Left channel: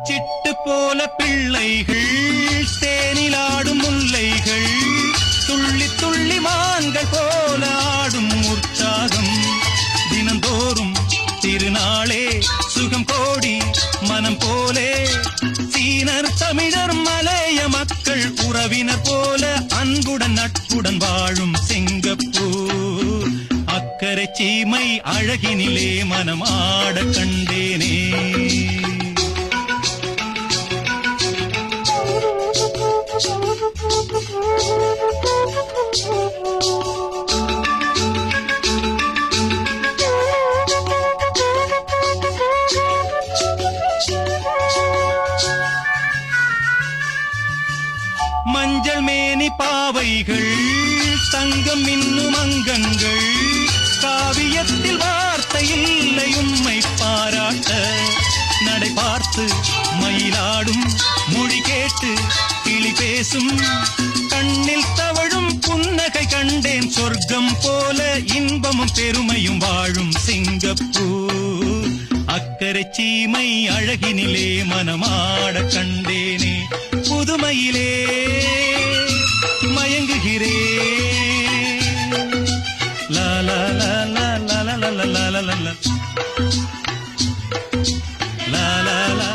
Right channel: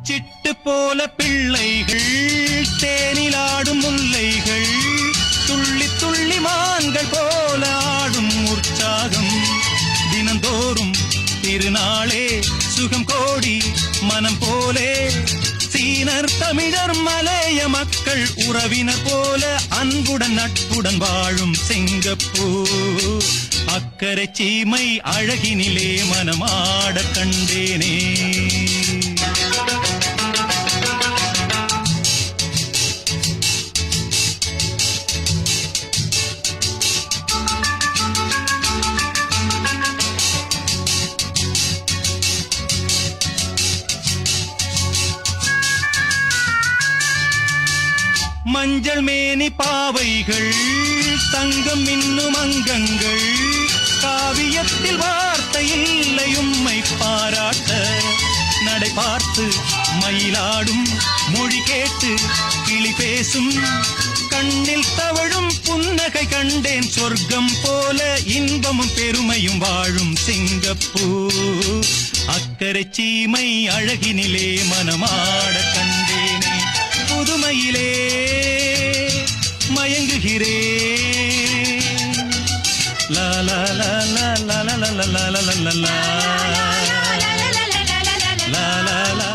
சிட்டு போல பிள்ளைகள் தேனிலாடும் முல்லைகள் துள்ளி துள்ளி மான்கள் போல ஆடும் உற்சாகம் தினந்தோறும் திருநாளே சுகம் கோடி மனம் போலே சீனர் தமிழர் மலைய மக்கள் உறவினர் போல அன்புடன் நட்புடன் வாழும் சிங்கப்பூர் அக்கரை சீமை அழகினிலே மனமாட கண்டேனே. மஞ்சள் மேனி பாவைகள் தங்கம் இன்னும் அங்கங்கள் காவியத்தில் வார்த்தை இல்லை உம்மை பாராட்ட நடை பார்த்து மயிலாடும் மொழி கேட்டு கிளி பேசும் கண்ணில் தவழும் புன்னகை கண்டேன் சொர்க்கம் போல இன்பமும் பெருமையும் வாழும் சிங்கப்பூர் அக்கரை சீமை அழகினிலே மனமாட கண்டேனே. புதுமையிலே மயங்குகிறே லா லா லா லா லா லா லா லா லா லா லா லா லா.